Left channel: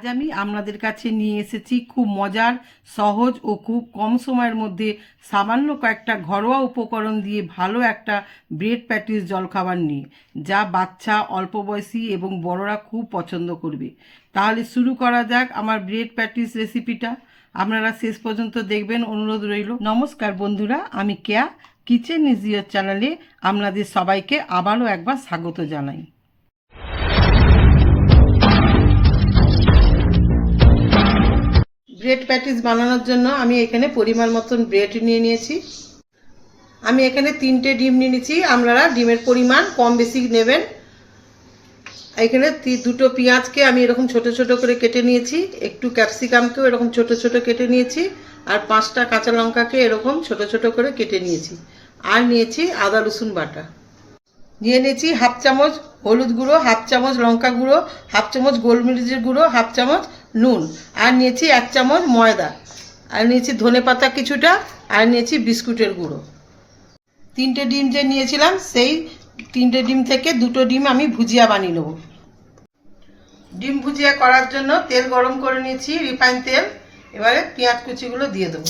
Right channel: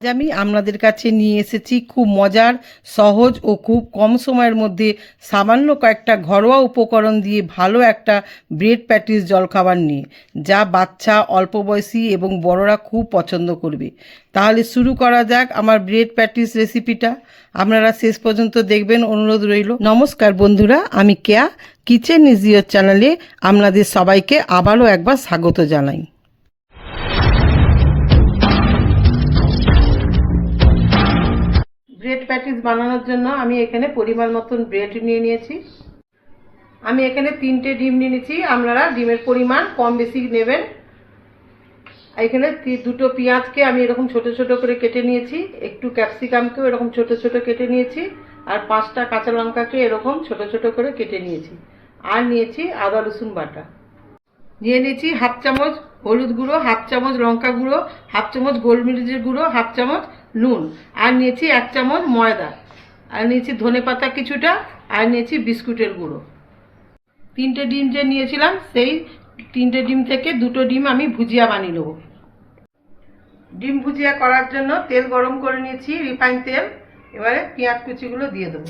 আজ আমি আপনাদের কাছে নিয়ে এসেছি খুব মজার, সহজ ও খুব কম সময়ের মধ্যে সামান্য কয়েকটা ঘরোয়া উপকরণ দিয়ে ভালো একটা ব্রেড প্যাটিস জলখাবার নিয়ে, যা বাচ্চা, অল্প বয়সী এবং বড়রা খুব পছন্দ করবে। তাহলে শুরু করা যাক আমার ব্রেড প্যাটিস রেসিপিটা। আপনারা শেষ পর্যন্ত দেখবেন, অনুরোধ রইল। নমস্কার বন্ধুরা, আমি কেয়া, কিচেন ইজ ইয়োর চ্যানেলে আপনাদের সবাইকে আবারও একবার স্বাগত জানাই। ব্রেড প্যাটিস বানানোর জন্য আমি এখানে পরিমাণ মতন ব্রেড নিয়ে নিয়েছি। আমি এখানে 3টে ডিম নিয়ে নিয়েছি। আপনারা ডিমের পরিমাণ কম বেশি নেবেন। এখানে 2টো পেঁয়াজকে আমি এরকম ছোট ছোট করে কেটে নিয়েছি, একটু ক্যাপসিকামকেও এরকম ছোট ছোট কেটে নিয়েছি, আর 5টা কাঁচা লঙ্কাকে এরকম ছোট ছোট করে কেটে নিয়েছি। আর নিয়েছি আদা রসুন বাটা। নিয়ে নিয়েছি হাফ চামচ হলুদ গুঁড়ো, হাফ চামচ লঙ্কা গুঁড়ো, হাফ চামচ গোলমরিচের গুঁড়ো, হাফ চামচ নুন, আর নিয়েছি 1 চামচ ময়দা, আর নিয়েছি ধনে পাতা কিছুটা, আর নিয়েছি বিস্কুটের গুঁড়ো। 3টে ডিম যে নিয়েছিলাম, সেই 3টে ডিম থেকে 2টো ডিম আমি ভুজিয়া বানিয়ে নেব। ডিম ভুজিয়া করার জন্য তেল গরম করে নিয়েছি, রিফাইন তেল। এবারে পেঁয়াজ কুচিগুলো দিয়ে দেবো।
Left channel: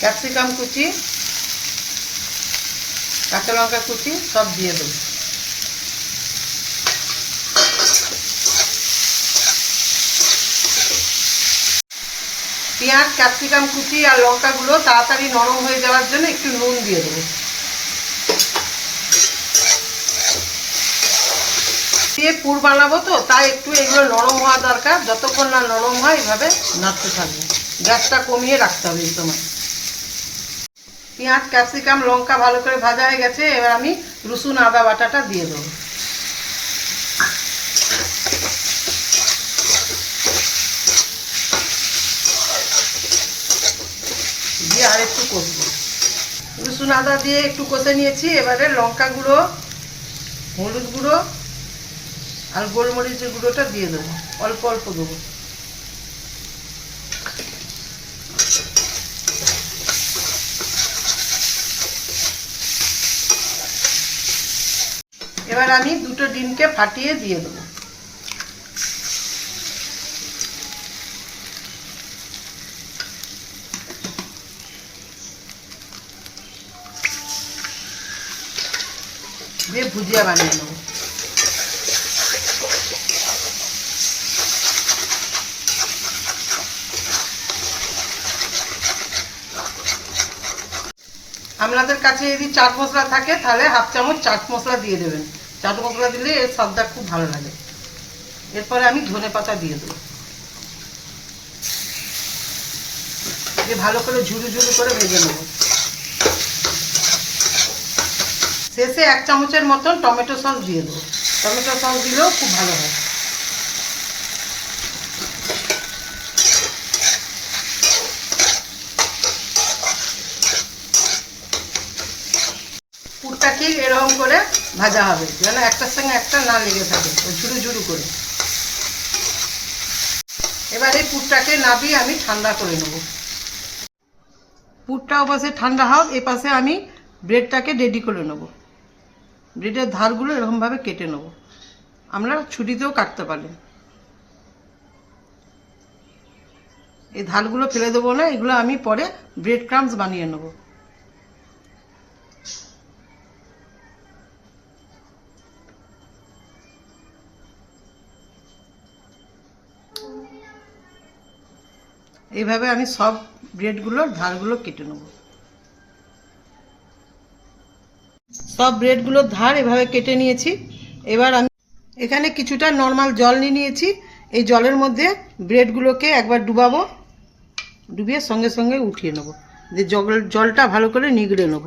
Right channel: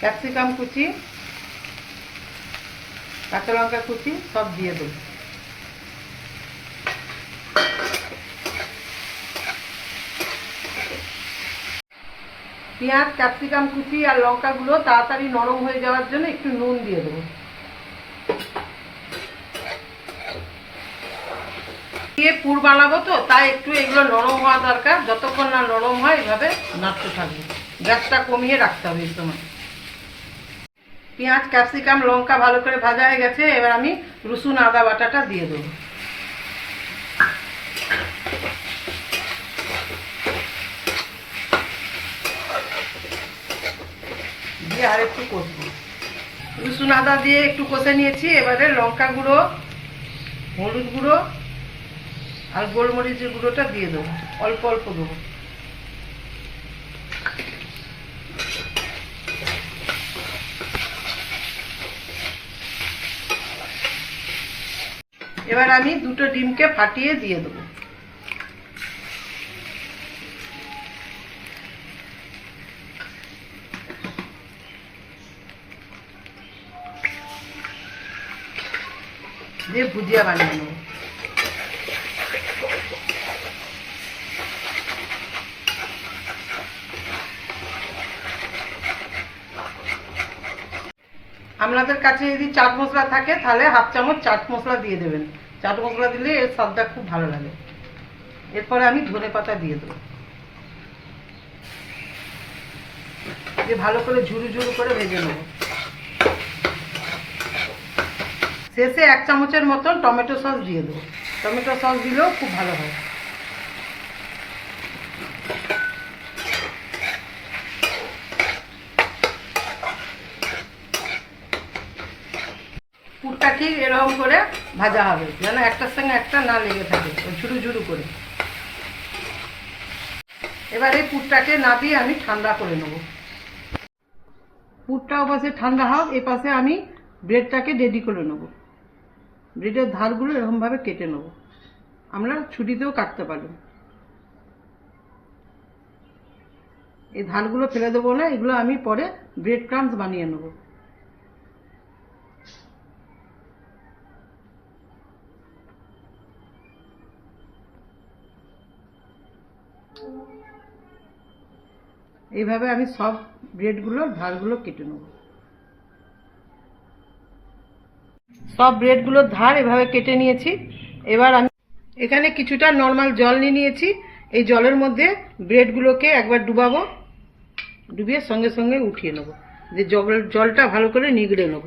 ক্যাপসিকাম কুচি, কাঁচা লঙ্কা কুচি সব দিয়ে দেবো। পেঁয়াজ, ক্যাপসিকাম কুচি আর লঙ্কাগুলো তাড়াতাড়ি নরম হয়ে যাওয়ার জন্য একটু নুন দিয়ে দেবো। দিয়ে পুর বানাবো তো, তাই একটু এগুলো নরম হওয়া দরকার। যতক্ষণ না নরম হয় এভাবে নাড়তে থাকবো। গ্যাসটা কমিয়ে রাখতে হবে এই সময়। পেঁয়াজ, ক্যাপসিকাম, লঙ্কা ভালো করে ভাজা হয়ে গেছে। এবার আমি রসুন আদা বাটাটা দিয়ে দেবো। দিয়ে আর একটু কষবো। রসুন আদা দিয়ে একটু কষে নিয়েছি। এবারে লঙ্কা গুঁড়ো, হলুদ গুঁড়ো আর গোলমরিচের গুঁড়োটা দিয়ে দেবো। অল্প অল্প দেবো। এবার আমি 2টো ডিমকে ফাটিয়ে দিয়ে দেবো। দিয়ে ভুজিয়া বানিয়ে নেবো। আপনাদের কাছে যদি চাট মশলা থাকে তাহলে হাফ চামচ চাট মশলা দিয়ে দেবেন। চাট মশলা দিলে এর স্বাদটা খুব ভালো লাগে। এরপরে আমি ধনে পাতা দিয়ে দেবো। দিয়ে ভালো করে ঝুরু ঝুরু করে ভেজে নেব। শেষে 1 চামচের মতন টমেটো সস দিয়ে দেবো। টমেটো সস দিলেও খুব ভালো হয়। পুরটা ঠিক এরকম করে ভাজা হবে, যেন একটার সঙ্গে একটা না লেগে থাকে, ঝুরু ঝুরু করে। এবার এই পুরটাকে নাবিয়ে আমি ঠান্ডা করে নেব। পুরটা ওপাশে ঠান্ডা হোক, এ পাশে আমি ব্রেডটাকে রেডি করে নেব। ব্রেডের ধারগুলো এরকমভাবে কেটে নেব। আমরা ছুরিতেও কাটতে পারেন। এই ধারগুলো ফেলে দেবো না, এগুলো আমি পরে ব্রেড ক্রাম্বস বানিয়ে নেব। এইভাবে আমি সব ব্রেডগুলোর ধারগুলো কেটে নেব। সব ব্রেডগুলোর ধার এভাবে কেটে নিয়েছি। এবার আমি এখানে কিছুটা নর্মাল জল নিয়ে নিয়েছি। এই জলের মধ্যে ব্রেডগুলোকে একবার ডুবাবো, ডুবিয়ে সঙ্গে সঙ্গে উঠিয়ে নেব। যে জলটা ভালো করে নিগড়ে নেব।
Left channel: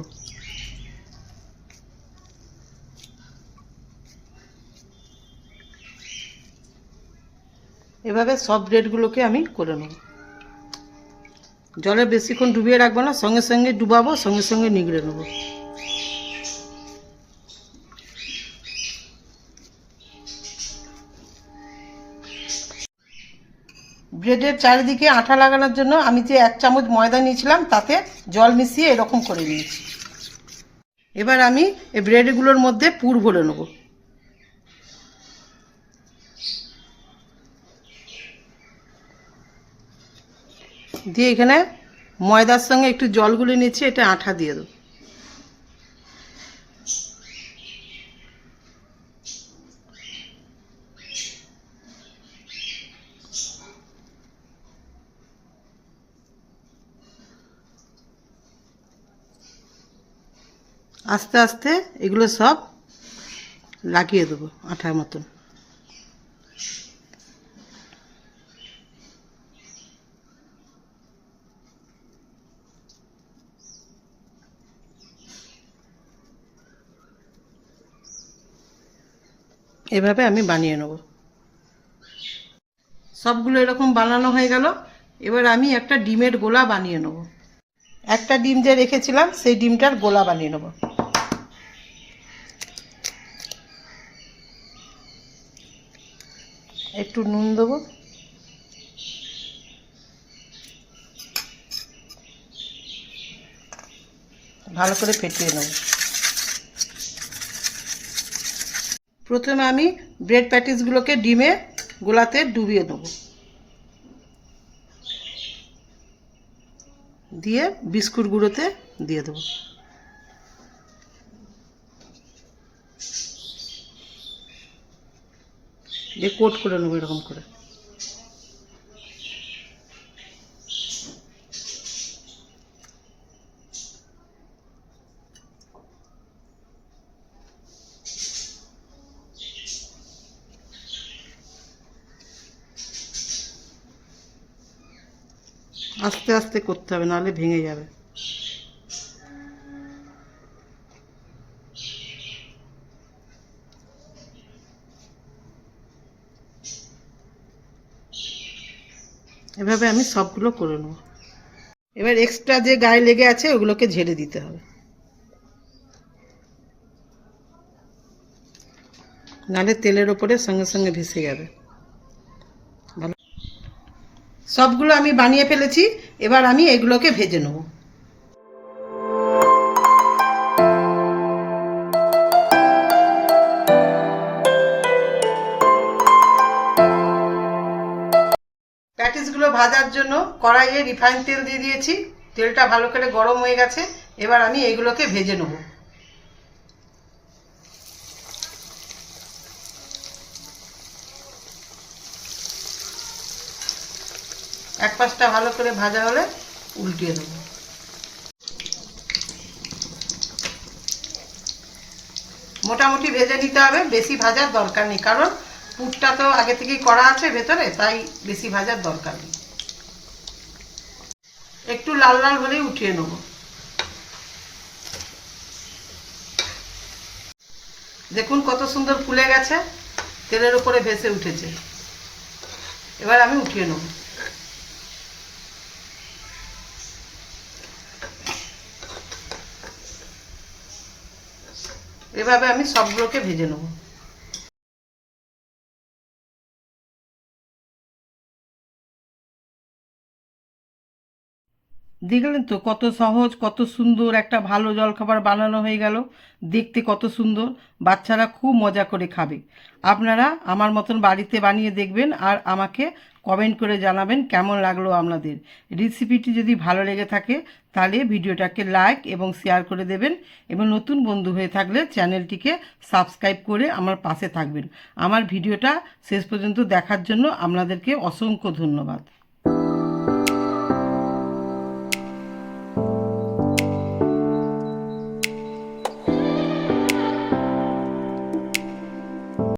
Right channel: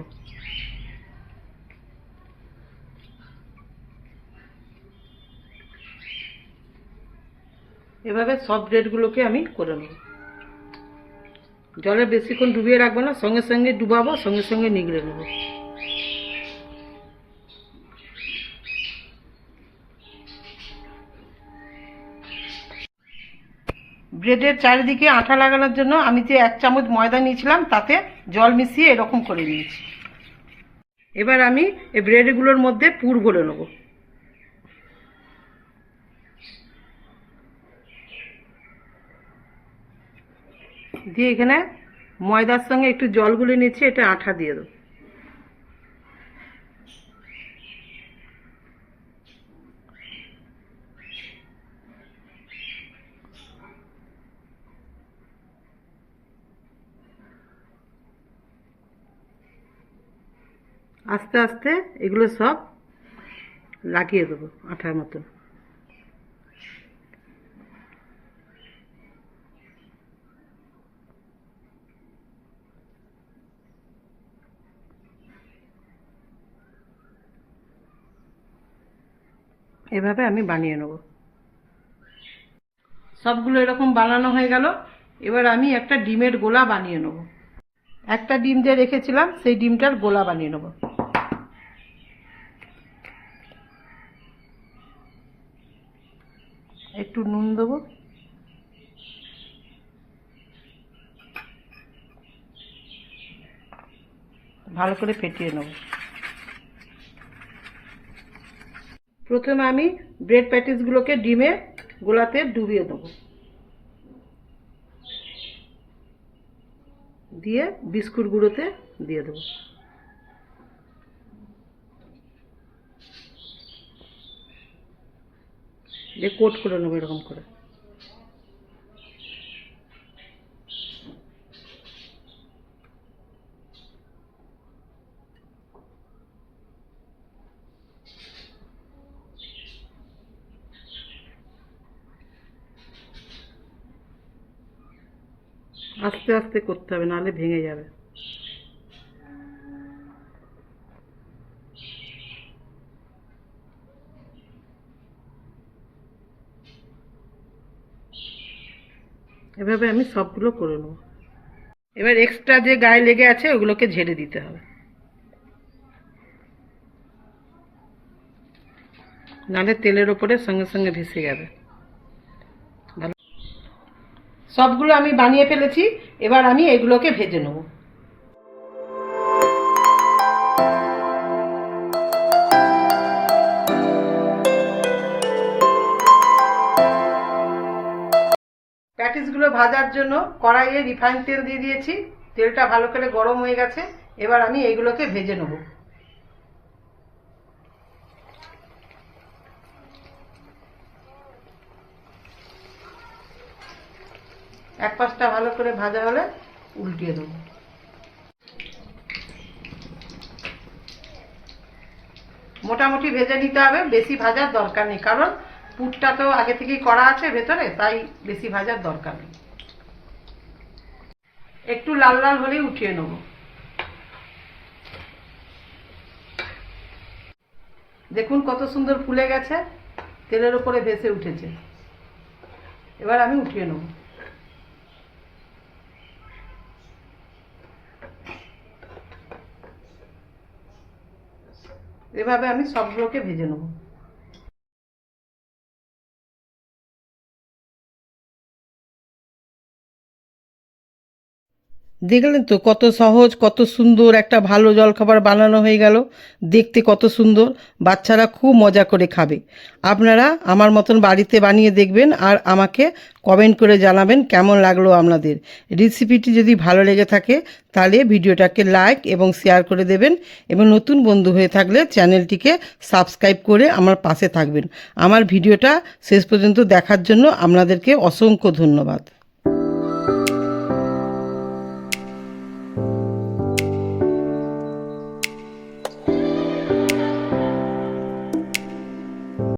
এভাবে সব ব্রেডগুলোকে আমি করে নেব। জলে বেশিক্ষণ ডুবিয়ে রাখবো না, সঙ্গে সঙ্গে ডুবাবো, সঙ্গে সঙ্গে নিগড়ে নেব। ব্রেডের চারিদিকে আঠা লাগানোর জন্য আমি যে 1 চামচ ময়দা নিয়েছিলাম তাতে জল মিশিয়ে এরকম করে নিয়েছি। এবার আমি এই ব্রেডগুলোর মধ্যে পুর ভরে নেব। দিয়ে এখানে ময়দার সঙ্গে একটু জল গুলে নিচ্ছি, এটা আঠা দিয়ে দেবো। আস্তে আস্তে এগুলো সব লাগিয়ে দেবো আঠার মতন। এভাবে আমি বানিয়ে নেব। সবগুলো এরকম বানানো হয়ে গেল। এবার আমি একটা ডিমের গোলা বানিয়ে নেব। একটা ডিম যে রেখেছিলাম সেই ডিমটার গোলা বানিয়ে নেব। একটু নুন দেবো, ভালো করে ফেটিয়ে নেব। প্রথমে আমি ব্রেড প্যাটিসগুলোকে ডিমে গোলাতে ডুবিয়ে দেব, দিয়ে বিস্কুট গুঁড়োতে দিয়ে দেবো। দিয়ে কোট করে নেবো এরকম করে। আস্তে আস্তে করতে হবে, নাহলে ভেঙে যাবে। এভাবে আমি সবগুলো করে নেব। এবার এক্সট্রা যে গায়ে লেগে আছে ওগুলোকে ঝেড়ে দিতে হবে, নাহলে তেলের ওপরে সঙ্গে সঙ্গে ভেসে যাবে। ভালো, সবগুলো আমি বানিয়ে ফেলেছি। এবার আমি এগুলোকে ভেজে নেব। প্যাটিসগুলো ভাজার জন্য কড়াইয়ে রিফাইন তেল দিয়ে দিয়েছি। তেলটা ভালো করে গরম হয়ে গেছে। এবার আমি এইগুলোকে ভেজে নেব। এক পাশটা ভালো করে ভাজা হলে উল্টিয়ে দেব। মোটামুটি ভেজে নিতে হবে, বেশি ভাজার দরকার নেই, কারণ পুরটা তো আগে থেকেই করা আছে ভেতরে, তাই বেশি ভাজার দরকার নেই। একটু লাল লাল হলেই উঠিয়ে নেব। দেখুন কত সুন্দর ফুলে গেছে, তেলের উপরে ভেসে উঠেছে। এবার আমি উঠিয়ে নেব। এভাবে আমি সবগুলোকে ভেজে নেব। দেখলেন তো কত সহজ, কত সুন্দর একটা ভালো জলখাবার বানানো হয়ে গেল। দেখতে কত সুন্দর, বাচ্চারা খুব মজা করে খাবে। আপনারা আমার মতন বাড়িতে বানিয়ে দেখবেন আর আমাকে কমেন্ট করে জানাবেন কেমন লাগলো আপনাদের। রেসিপিটি যদি ভালো লেগে থাকে তাহলে ভিডিওটাকে লাইক এবং শেয়ার করে দেবেন, এবং নতুন বন্ধু হয়ে থাকলে চ্যানেলটিকে সাবস্ক্রাইব করে আমার পাশে থাকবেন। আমার ভিডিওটা শেষ পর্যন্ত দেখার জন্য আপনাদেরকে অসংখ্য ধন্যবাদ।